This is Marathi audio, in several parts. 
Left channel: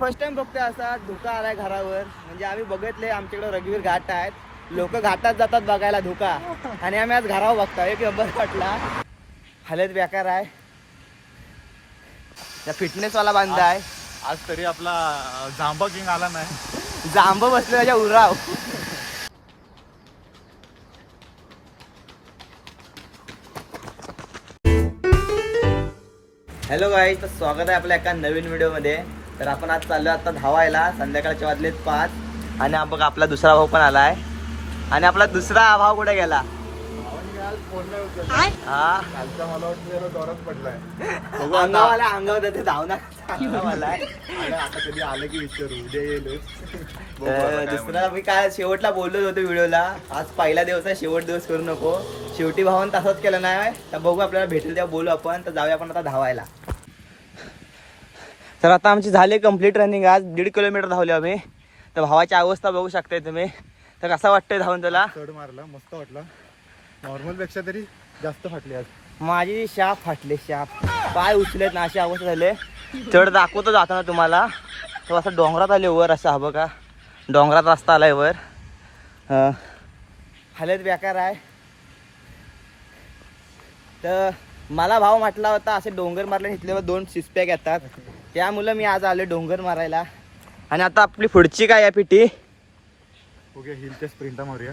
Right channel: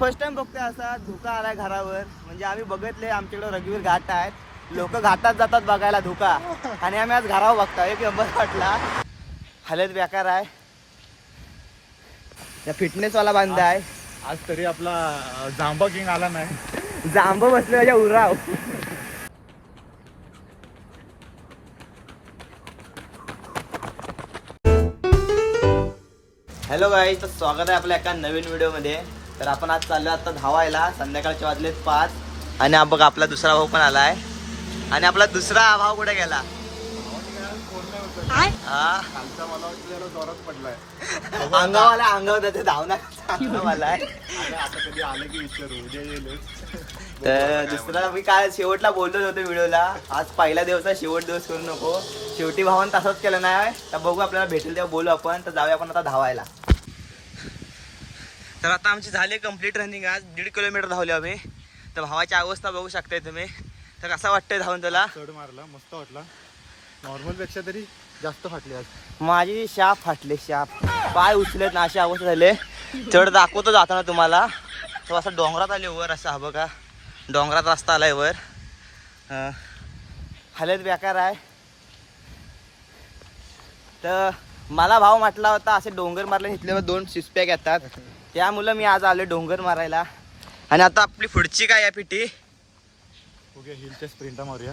फर्स्ट टाइम बघतोय असा धुका आलाय घरावर. म्हणजे आम्ही बघितले आमच्याकडे रघुवीर घाट आहेत. लोक घाटात जातात बघायला धुका. आणि आम्ही आज घरावर बघतोय एक नंबर वाटला. हालत बेकार आहे. त्या फिटनेस वाला बांधा आहे. आज तरी आपला जांबा किंग आला नाही. जांब बसले त्याच्या उराव. हॅलो गाईज तर स्वागत आहे आपल्या एका नवीन व्हिडिओमध्ये तर आपण आज चाललो आता धावायला संध्याकाळचे वाजलेत पाच. आणि हा बघा आपला दुसरा भाऊ पण आलाय. आणि आपला दुसरा भाव कुठे गेला. हा? कालचा मला वाटतं जरा जोरात पडलाय. अंगावाला अंगावर त्याचे धावणार अंगावाला. आहे. आणि आता कधी आलं की विचारू उद्या येईल. तर दुसरा मी काय शेवटला बोललोच होतो व्हिडिओला. आज पहिला दिवस आहे शेवट दिवस करू नको. शेवटी भावान तसंच केलं नाही तर बघू आपल्याला भेटेल तेव्हा बोलू आपण. तर जाऊया आपण आता धावायला. तर आता आमची झाली कंप्लीट रनिंग आज. दीड किलोमीटर धावले आम्ही. तर भावाची अवस्था बघू शकताय तुम्ही. तर कसं वाटतंय धावून तुला चढ मारला मस्त वाटला. नॉर्मलपेक्षा तरी जास्त फाटली आज. माझी शाप फाटले शाप. पाय उचलेत ना अशी अवस्था झाले. चढ दाखवतो जाताना तुम्हाला. तो असं डोंगरात आले वर असं हा बघा. डोंगरात रस्ता आलाय वर. हालत बेकार आहे. तर मला भाव म्हटला होता असे डोंगर मारले घेतल्यावर दोन सिस्पॅक येतात त्यामुळं मी आज आले डोंगर मारायला. आणि आता आपली पुढची काय आहे पिटी ओके हिलच्या स्प्रिंटा मारूया.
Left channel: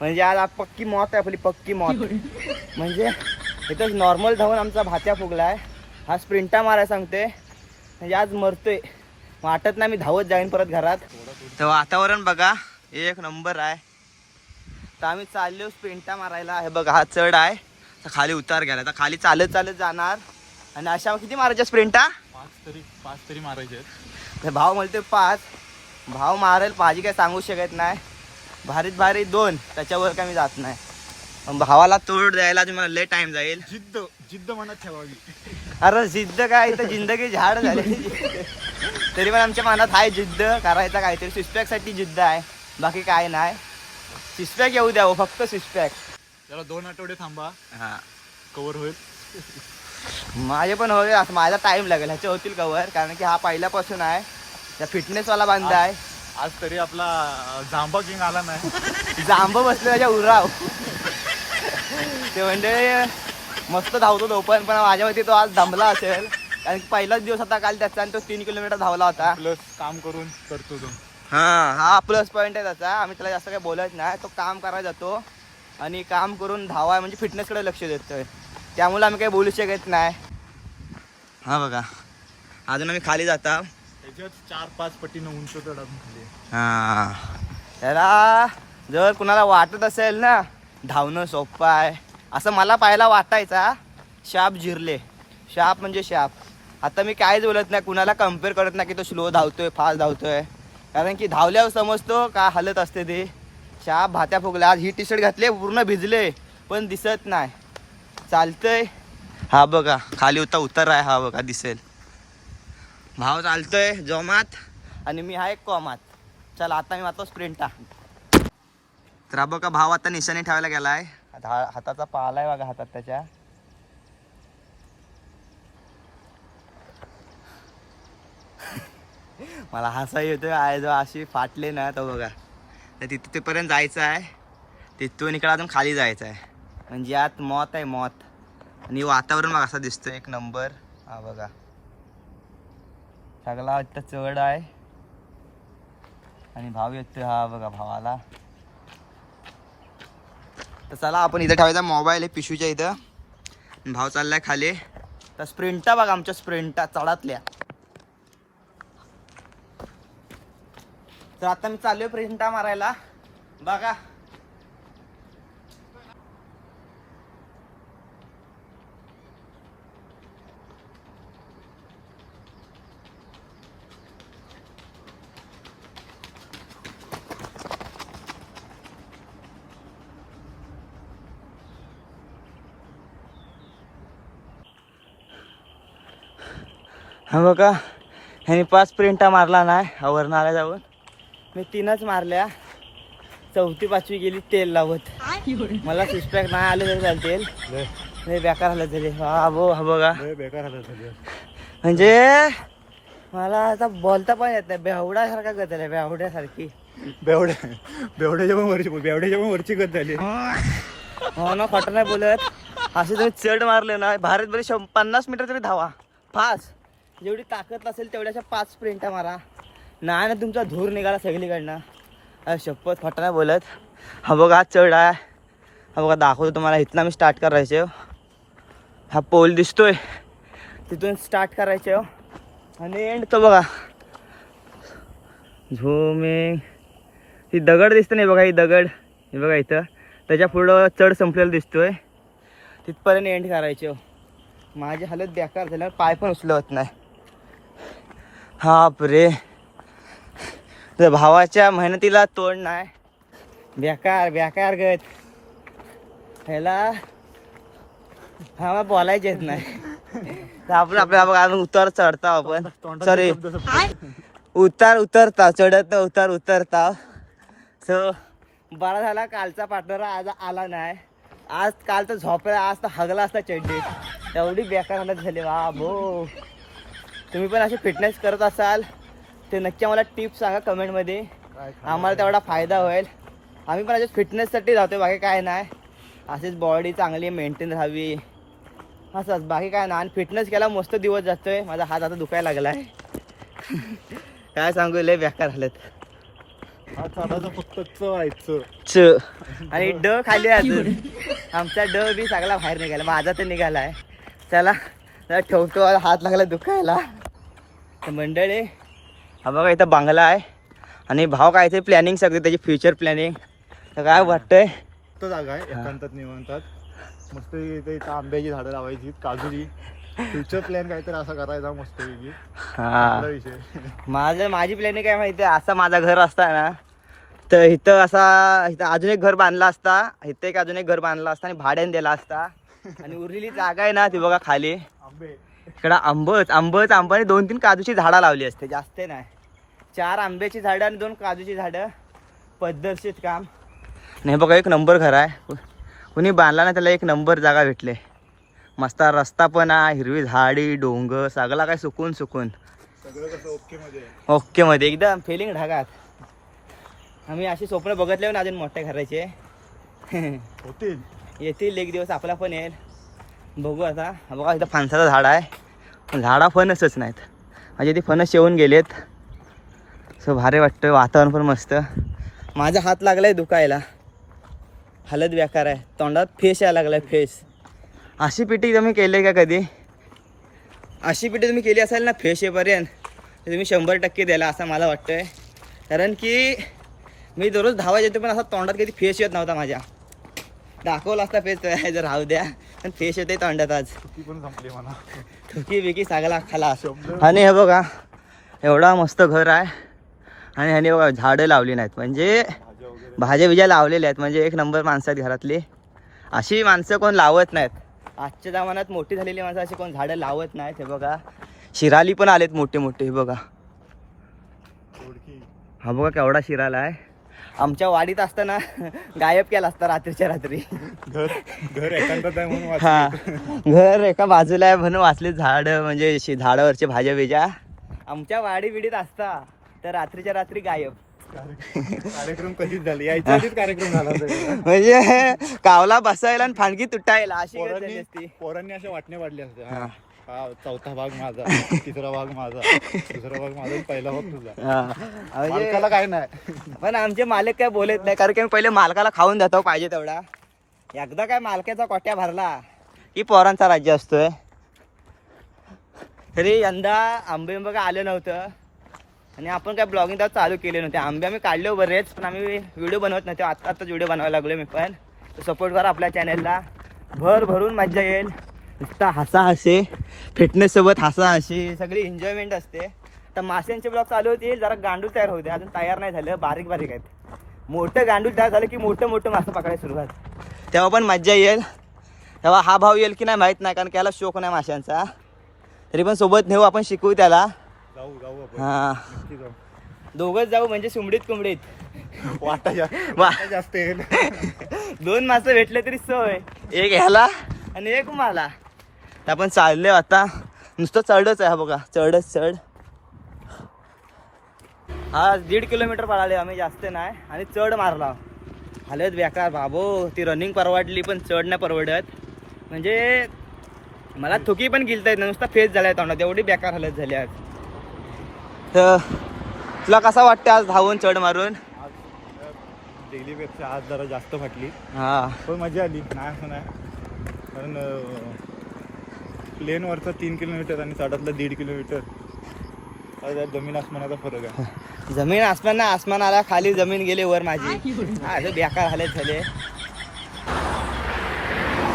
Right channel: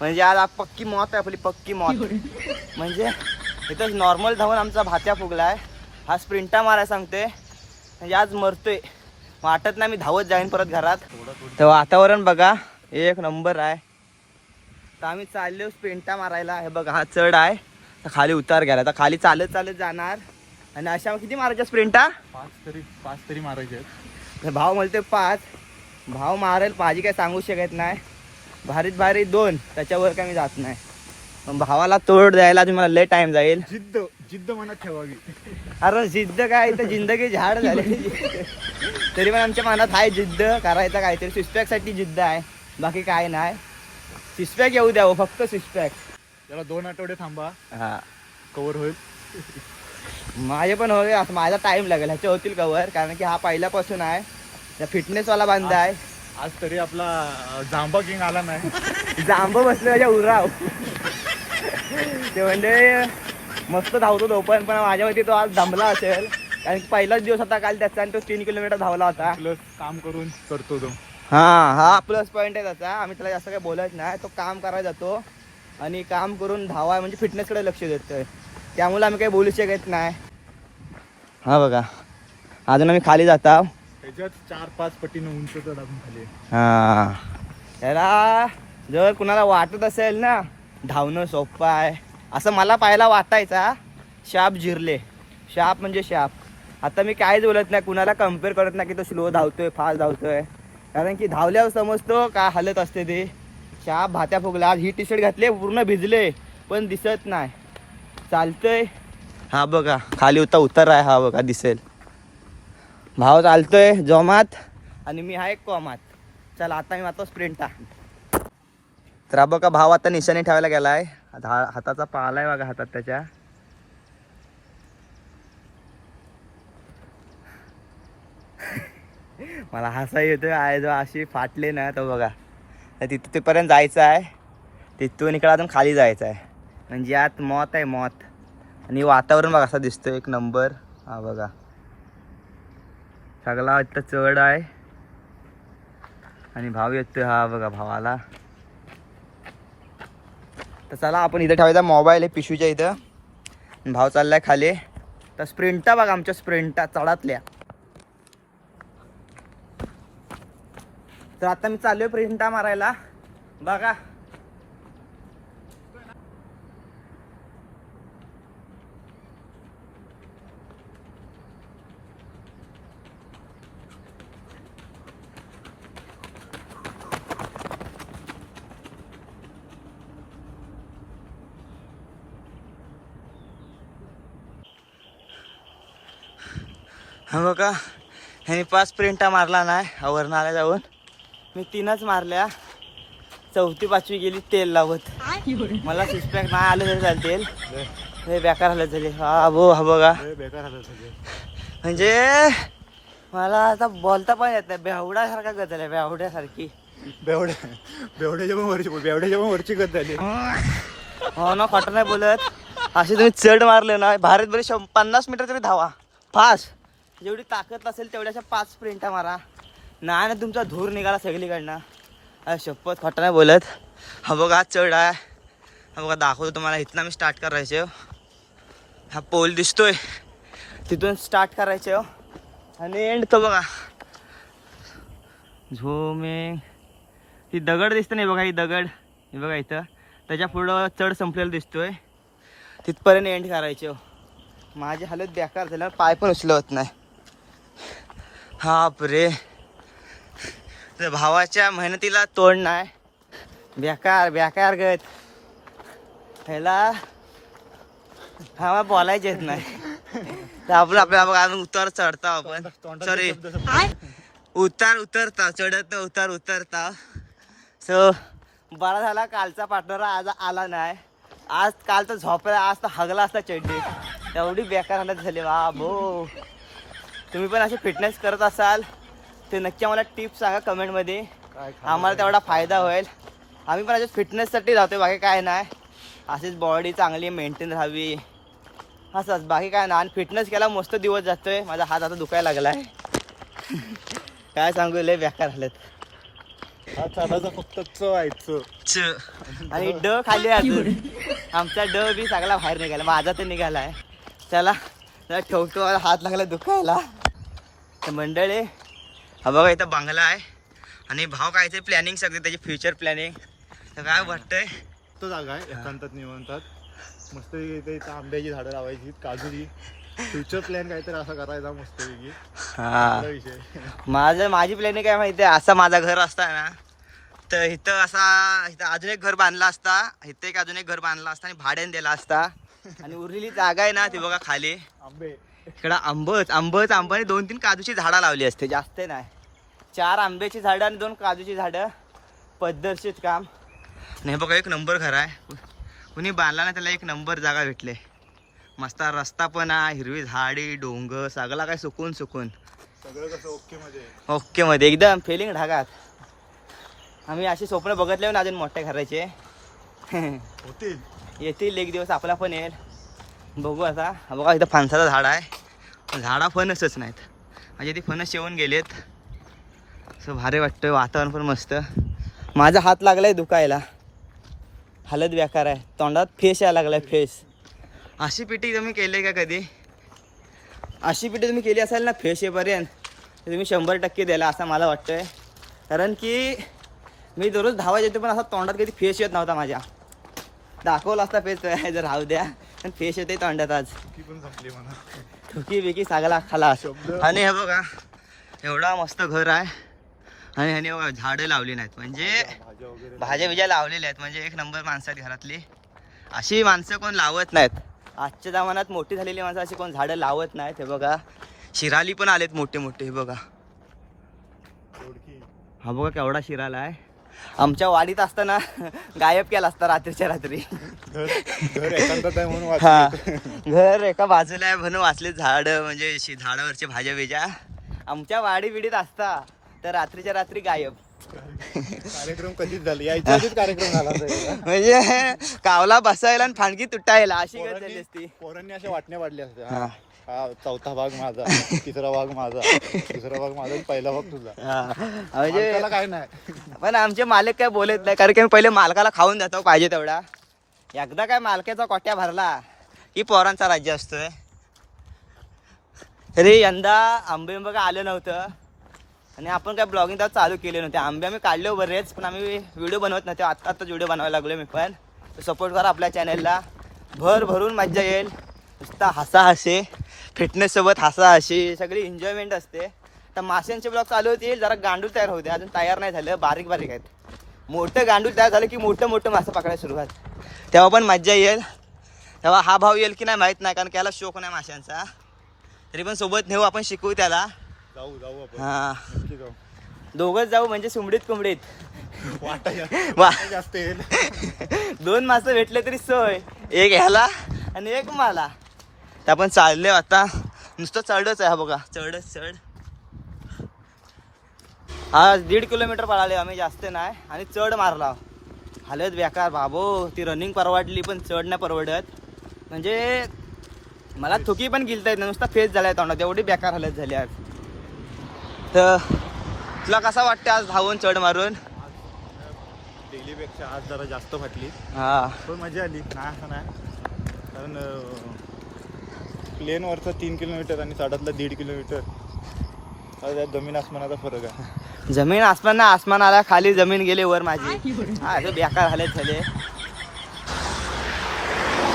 म्हणजे आज आप- पक्की मौत आहे आपली पक्की मौत म्हणजे इथं नॉर्मल धावून आमचा भात्या फुगला आहे हा स्प्रिंटा मारायला सांगते. म्हणजे आज मरतोय. वाटत नाही मी धावत जाईन परत घरात. तर वातावरण बघा एक नंबर आहे. तर आम्ही चाललो स्प्रिंटा मारायला. हे बघा हा चढ आहे. तर खाली उतार गेला तर खाली चालत चालत जाणार. आणि अशा किती मारायच्या स्प्रिंटा? पाच तरी पाच तरी मारायचे आहेत. हे भाव म्हणते पाच. भाव मारेल भाजी काय सांगू शकत नाही. भारीत भारी दोन त्याच्यावर काय मी जात नाही. पण भावाला तोड द्यायला तुम्हाला लय टाइम जाईल. जिद्द जिद्द मनात ठेवावी. अरे जिद्द काय? इथं जिंदगी झाड झाले तरी पण आमच्या मनात आहे जिद्द. करायचा काहीतरी सिस्पॅकसाठी जिद्द आहे. बाकी काय नाही. सिस्पॅक येऊ द्यावं फक्त सिस्पॅक त्याला दोन आठवडे थांबा. हा. कव्हर होईल. माझे पण होईल असं माझा टाइम लागेल ह्याचे होतील कवर कारण की हा पहिल्यापासून आहे. त्या फिटनेसवाला बांधा आहे. आज तरी आपला जांबा किंग आला नाही. जांब बसले त्याच्या उराव. ते म्हणजे मस्त धावतो तो पण पण माझ्या मते तो आज दमला असेल. कारण की पहिलाच दिवस होता काल त्याचा आणि तो तीन किलोमीटर धावला होता. प्लस काम करून करतो तो. हा हा प्लस पॉईंट आहे त्याचा. आम्ही त्याला जास्त काही बोलत नाही. तो काम करायला जातो. आणि काम करून धावा म्हणजे फिटनेसकडे लक्ष देतोय. त्यामुळे आम्ही काही बोलू शकत नाही. हा बघा. अजून आम्ही खाली जाता त्याच्यात चार पाच पटीनं उंच चढ खाली. हा. त्याला जर कुणाला वाटत असेल ना धावणं सोपं आहे. असं मला पाहायला वाटायचा शाप जिरले. शाप म्हणजे शाप. आता मी काहीच बोलत नाही कुणाला कंपेअर करत नाही की तो स्लो धावतोय फास्ट धावतोय. कारण की धावल्यावर समजतो काय हालत असते ते. शाप भात्या फुगला आज ही टी शर्ट घातले पूर्ण भिजले पण दिसत नाही. चालतंय. हा बघा खाली होता उतर आहे हा बघा दिसेल. भाव चालतोय जोमात. आणि मी आहे कॉमात. चला आता मी मारतो स्प्रिंटा. तर हा बघा भाव आता निशाने ठेवायला गेलाय. हा- हाताचा पाला आहे बघा हातात त्याच्या. मला हसा येतोय आहे जो अशी फाटले ना तो बघा. तर तिथं तिथपर्यंत जायचं आहे. तिथून इकडे अजून खाली जायचं आहे. म्हणजे आत मौत आहे मौत. आणि वातावरण बघा असा दिसतो एक नंबर. हा बघा. सगळा इथं चढ आहे. आणि भाव येतोय हा बघा भावाला. तर चला आपण इथं ठेवायचा मोबाईल आहे पिशवीच्या इथं. भाव चाललाय खाली. तर स्प्रिंटा बघा आमच्या स्प्रिंटा चढातल्या. तर आता मी चाललोय प्रिंटा मारायला. बघा. बघा ह्याने पाच प्रिंटा मारला नाही हा वरनं आला जाऊन. मी तीनच मारल्या. चौथी पाचवी गेली तेल लावत. मला सिस्पॅक नाही आलं तरी चालतील. लय बेकार झालं तरी. हा बो हा बघा. बेकार म्हणजे मला आता बोलता पण येत नाही. बेवड्यासारखा गत आहे बेवड्यासारखी. बेवड्या बेवड्याच्या पण वरची बेवड्याच्या पण वरची गत झाली. हो ना खोटं नाही बोलत. असे तुम्ही चढ मारले ना भारत बरे शं पन्नास मीटर तरी धावा. फास्ट. जेवढी ताकद असेल तेवढ्याच्या पाच स्प्रिंटा मारा. नाही ना तुमचा धूर निघाला सगळीकडनं. अरे शपथ खोटं नाही बोलत. हा बघा चढ आहे. हा बघा दाखवतो तुम्हाला. इथनं मी स्टार्ट करायचे. हा पोल दिसतोय. तिथून स्टार्ट करायचे. हो आणि एंड तो बघा. झोमिंग. ती दगड दिसते नाही बघा ही दगड. हे बघा इथं. त्याच्या पुढं चढ संपलेला दिसतोय. तिथपर्यंत एंड करायचे. हो माझी हालत बेकार झाल्यावर पाय पण उचलवत नाही. हाप रे. भावाच्या मेहनतीला तोड नाही. बेकार बेकार गत ह्याला हा मला येत नाही. आपलं आपल्या उतार चढता आपण. सॉरी उतार उतरता चढत ना उतार उतरता सो बरा झाला कालचा पार्टनर आज आला नाही. आज काल तर झोपला आज तर हगला असता चड्डी. एवढी बेकार हालत झाली वा भो तुम्ही पण असे फिटनेस करत असाल ते नक्की आम्हाला टिप्स सांगा कमेंटमध्ये आम्हाला तेवढा फायदा होईल. आम्ही पण असेच फिटनेससाठी जातोय बाकी काय नाही. असेच बॉडी चांगली मेंटेन राहावी. असंच बाकी काय नाही. आणि फिटनेस केला मस्त दिवस जातोय. माझा हात आता दुखायला लागलाय. काय सांगू लय बेकार हा चालायचा फक्त च आहे च. आणि ड खाली आहे अजून. आमचा ड बी सगळा बाहेर निघाला. माझा तर निघालाय. चला जरा ठेवतो. हात लागला दुखायला. तर मंडळी हा बघा इथं बांगला आहे. आणि भाव काय ते प्लॅनिंग सगळे त्याची फ्युचर प्लॅनिंग तर काय वाटतंय? तो जागा आहे एकांतात निवांतात. मस्त इथे इथं आंब्याची झाडं लावायची काजूची फ्युचर प्लॅन काहीतरी असा करायचा मस्त हा. विषय. माझं माझी प्लॅनिंग काय माहिती आहे असं माझं घर असता ना तर इथं असा इथं अजून एक घर बांधला असता. इथं एक अजून एक घर बांधला असता आणि भाड्याने दिला असता. आणि उरलेली जागा आहे ना ती बघा खाली. आंबे. इकडं आंबच आंबच आंबाने दोन तीन काजूची झाडं लावली असते. जास्त नाही. चार आंब्याची झाडं आणि दोन काजूची झाडं. पद्धतशीर काम. नाही बघा एक नंबर घर आहे. कुणी बांधला ना त्याला एक नंबर जागा भेटले. मस्त रस्ता पण आहे हिरवी झाडी डोंगर सगळा काय सुकून सुकून. ओके मध्ये आहे. ओके मध्ये. एकदम फिलिंग ढगात. आम्ही अशी स्वप्न बघितले ना अजून मोठ्या घराचे होतील. येतील एक दिवस आपला पण येईल. बघू आता. बघा इथं फणसाचं झाड आहे. पण झाडा फणसच नाहीत. म्हणजे ते फणस येऊन गेलेत. असं भारी वाटतं वातावरण पण मस्त. माझा हात लागला आहे दुखायला. हालत व्याकार आहे. तोंडात फेस यायला लागलाय फेस. अशी पिठी तुम्ही केली का कधी? अशी पिठी तुम्ही केली असाल ना फेस येपर्यंत तर तुम्ही शंभर टक्के द्यायला असं मला वाटतंय. कारण की मी दररोज धावायचे येते पण असा तोंडात कधी फेस येत नव्हता माझ्या. दाखवला असता फेस जर राहू द्या. पण फेस येते तोंडात आज. ठुकी बिकी सगळा खाला आणि हे बघा एवढा मस्त घर आहे. आणि ह्याने बघा झाडं लावली नाहीत. म्हणजे भाज्या बिज्या लावलेल्या आहेत. म्हणजे एक नंबर माणसं आहेत घरातली. अशी माणसं कोण लावत नाहीत. आजच्या जमान्यात मोठी झालेली माणसं अशी कोण झाडं लावत नाहीत. हे बघा. शिराली पण आलेत मोठे मोठे हे बघा. हा बघा केवढा शिराला आहे. आमच्या वाडीत असताना गायब केला असता रात्रीच्या रात्री. घर हा. एका बाजूला आहे म्हणून वाचले झाड म्हणजे झाडावरचे भाज्या बिज्या. आमच्या वाडी बिडीत असता तर रात्रीच्या रात्री गायब. कार्यक्रम कधीच झाले? कार्यक्रम झाला. म्हणजे कावला बसायला आणि फांडगी तुटायला अशी गत झाली असती. पोरांनी पोरांनी असे वाटणे वाढले असते हा. चौथा भाग माझा. तिसरा भाग माझा. दुसरा भाग माझा पहिला भाग तुझा. हा. म्हणजे काही नाही. पण आमचे मालक काय बोलत नाही कारण की मी पहिले मालकाला खाऊन देतो पाहिजे तेवढा. एकदा काय मालकाचा कोट्या भरला की पोरांचा राज्य असतोय. तरी यंदा आंबे काय आलं नव्हतं. आणि आपण काय ब्लॉगिंग तर चालू केले नव्हते. आंबे आम्ही काढले बरेच पण आम्ही व्हिडिओ बनवत नव्हते. आत्ता आत्ताच व्हिडिओ बनवायला लागलो मी पण. सपोर्ट करा आपल्या चॅनेलला भर भरून मज्जा येईल. नुसता हसा हसे फिटनेस सोबत हसा हशी सगळी एन्जॉयमेंट असते. तर माशांचे ब्लॉग चालू होतील जरा गांडूळ तयार होते अजून तयार नाही झालं बारीक बारीक आहेत. मोठं गांडूळ तयार झालं की मोठं मोठं मासं पकडायला सुरुवात. तेव्हा पण मज्जा येईल. तेव्हा हा भाव येईल की नाही माहीत नाही कारण त्याला शोक नाही माशांचा. तरी पण सोबत नेऊ आपण शिकवू त्याला. जाऊ जाऊ आपण. हा. दोघंच जाऊ म्हणजे सुमडीत कुंबडीत वाटा जा- वा. वाटा जास्त येईल. दोन मासं भेटले तरी सोय. एक ह्याला आणि एक मला. ते आपण चालले आता. नुसतं चढच आहे हा बघा. चढच चढ. हा दीड किलोमीटर पळाले आम्ही जास्त नाही. आणि चढ मारला. हालत बेकार बाबो. ती रनिंग परवडली पण चढ नाही परवडत. म्हणजे मला थुकी पण गिलता येत नाही. नुसता फेस झालाय तोंडात. एवढी बेकार हालत झाली आज. तर तुला कसा वाटतं आज धावून चढ मारून? डेलीपेक्षा आज जरा जास्त फाटली. हा. पण मजा आली. नाही असं नाही. कारण प्लेनवरचं तीन किलोमीटर आणि साडातलं दीड किलोमीटर. काय जमीन आसमानाचा फरक आहे. जमीन आसमान ना आसमान आला खाली जमीन गेली वर माझी. हा असं बेकार हालत झाले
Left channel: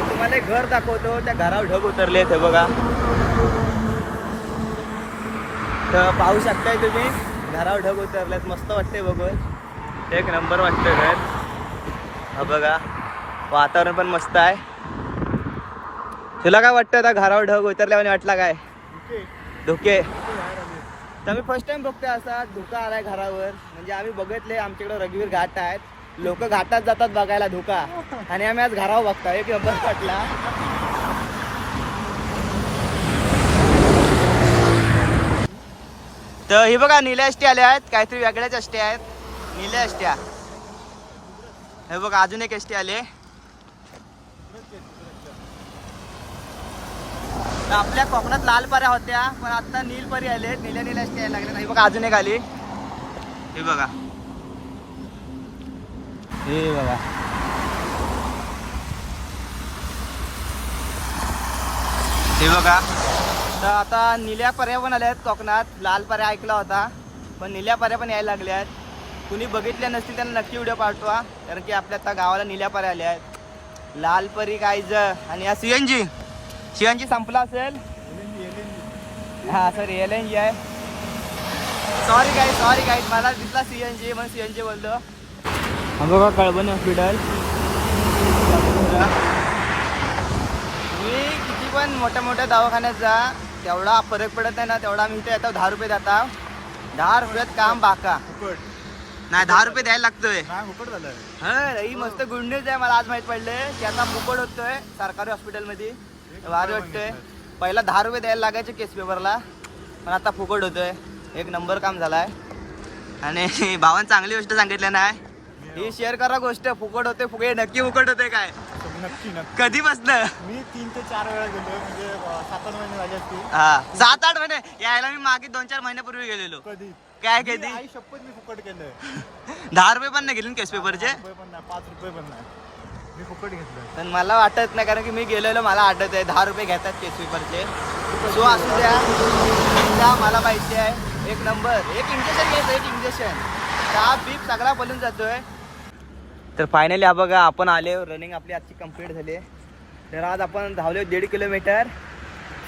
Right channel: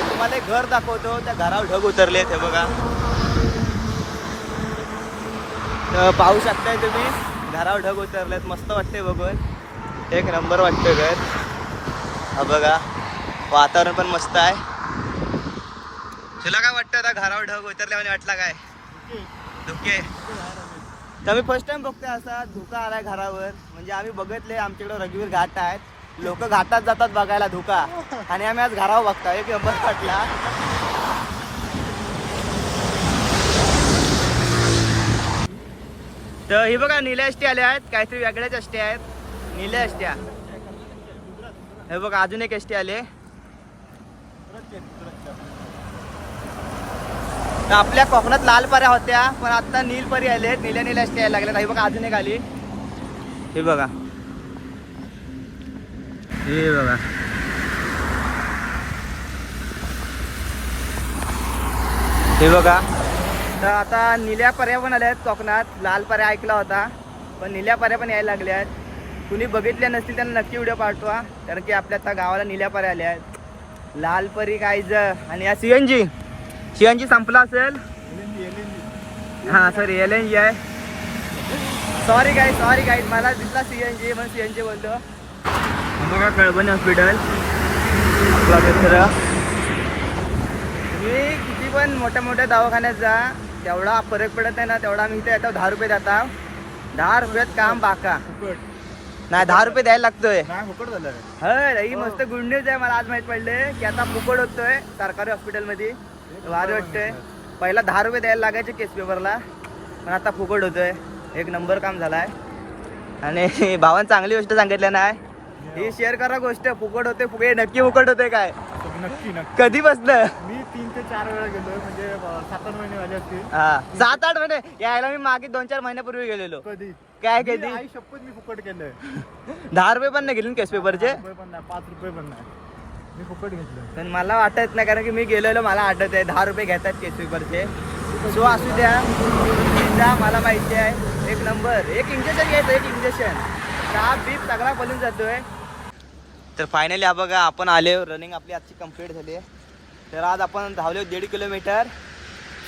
तुम्हाला एक घर दाखवतो त्या घरावर ढग उतरले ते बघा. तर पाहू शकताय तुम्ही घरावर ढग उतरलेत मस्त वाटते बघून. एक नंबर वाटतं घर. हा बघा वातावरण पण मस्त आहे. तुला काय वाटतं आता घरावर ढग उतरल्याने वाटला काय? धोके. मी फर्स्ट टाइम बघतोय असा धुका आलाय घरावर. म्हणजे आम्ही बघितले आमच्याकडे रघुवीर घाट आहेत. लोक घाटात जातात बघायला धुका. आणि आम्ही आज घरावर बघतोय एक नंबर वाटला तर ही बघा निल्या अष्टी आल्या आहेत. काहीतरी वेगळ्याच अष्टी आहेत. निल्या अष्ट्या हे बघा अजून एक एसटी आले तर आपल्या कोकणात लाल पऱ्या होत्या पण आता नील परी आले निल्या निल्या अष्टी यायला लागल्या हे बघा अजून एक आली. हे बघा. हे बघा. हे बघा. तर आता निल्या पर्या पण आल्या आहेत कोकणात. लाल पर्या ऐकला होता पण निल्या पर्या पण यायला लागल्या आहेत कुणी बघितल्या नसतील त्यांना नक्की व्हिडिओ पाठवा कारण की आपल्या आता गावाला निल्या पर्या आल्या आहेत लाल परी कायज आणि या C N G. C N G संपला असेल हा सॉरी एल एन जी आहे. सॉरी गाईड सॉरी गाईड मला दिसला सी एन जी म्हणून सी एन जी बोलतो हा बघा कळबणी हॉस्पिटल तुम्ही किती पण मोठ्या मोठ्या दवाखान्यात जा तेवढा फरक पडत नाही ना तेवढा आम्ही इथे येतो दहा रुपये देता. दहा रुपयात काम बाका. नाही दहा रुपये द्यायला लागतोय. फुकट झालं. ही मस्त गुड न्यूज आहे मला आज माहीत पडले की आता फुकट होतोय सरकारी हॉस्पिटलमध्ये भारी वाटतंय. पहिला दहा रुपये द्यायला लागायचे केस पेपरला पण आता फुकट होतोय. एक नंबर काम झालाय. आणि भावान चांगली गोष्ट सांगितली नाही ही शेअर करा गोष्ट. फुकट होते फुकट नक्की फुकट होते काय? नक्की नक्की. कधी बसलं मी तीन ते चार वेळा गेलो म्हणजे सात आठ महिने झाले असतील. हा. सात आठ महिने? यायला मी मागे दोन चार महिन्यापूर्वी गेलेलो. कधी? काय कधी? आई शपथ मी फुकट केलंय. दहा रुपये पण नाही गेले केस पेपरचे रुपये पण नाही पाच रुपये पण नाही. मी फुकट घेतलं. पण मला वाटत नाही कारण की मी गेलेलो मला आठवत आहे दहा रुपये घेतात केस पेपरचे सो असू द्या जा मला माहिती आहे एक नंबर एक इंजेक्शन घ्यायचं एक इंजेक्शन साप बीप सगळा पळून जातोय. तर फायनली हा बघा आपण आले रनिंग आपली आजची कंप्लीट झाली आहे. तर आज आपण धावले दीड किलोमीटर.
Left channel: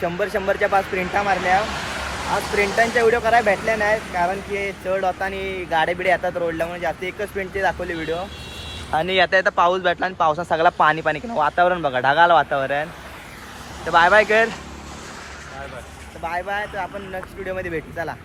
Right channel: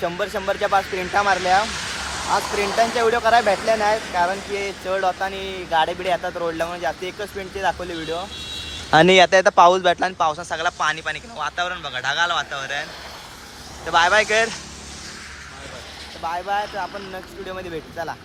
शंभर शंभरच्या पाच प्रिंटा मारल्या. आज प्रिंटांच्या व्हिडिओ करायला भेटल्या नाहीत कारण की चढ होता आणि गाड्या बिड्या येतात रोडला म्हणजे आता एकच प्रिंटचे दाखवले व्हिडिओ आणि आता आता पाऊस भेटला आणि पावसात सगळा पाणी पाणी केलं वातावरण बघा ढगाळ वातावरण. तर बाय बाय कर. तर बाय बाय तर आपण नेक्स्ट व्हिडिओमध्ये भेटू. चला.